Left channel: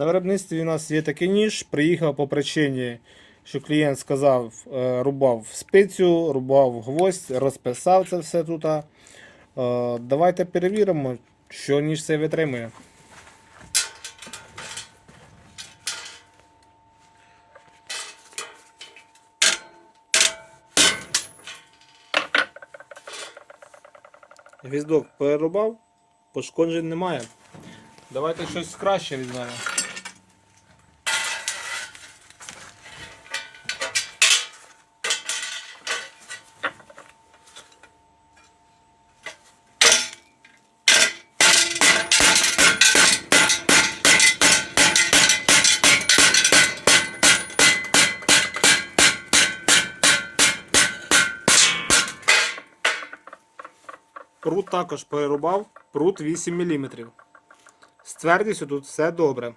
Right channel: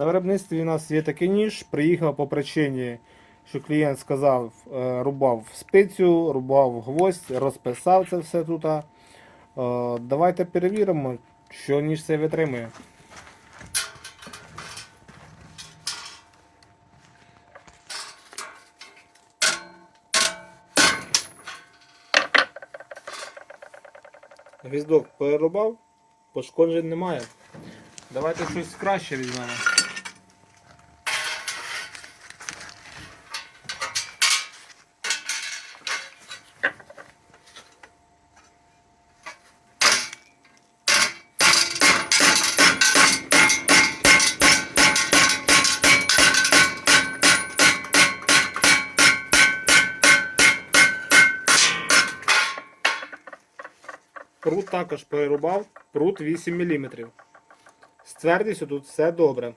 На виробництві у нас є такий ніж. Приїхав по причині, що клієнт сказав, е, рубав спицю, рубав гвоздь, розписав це все тут. Е, Давайте перевіримо, що ніж цей витримує. Гвіздок перерубав, пошкоджень немає. Давайте щось краще візьмемо. Прут також перерубав, прут 8 мм. З твердістю тут все добре.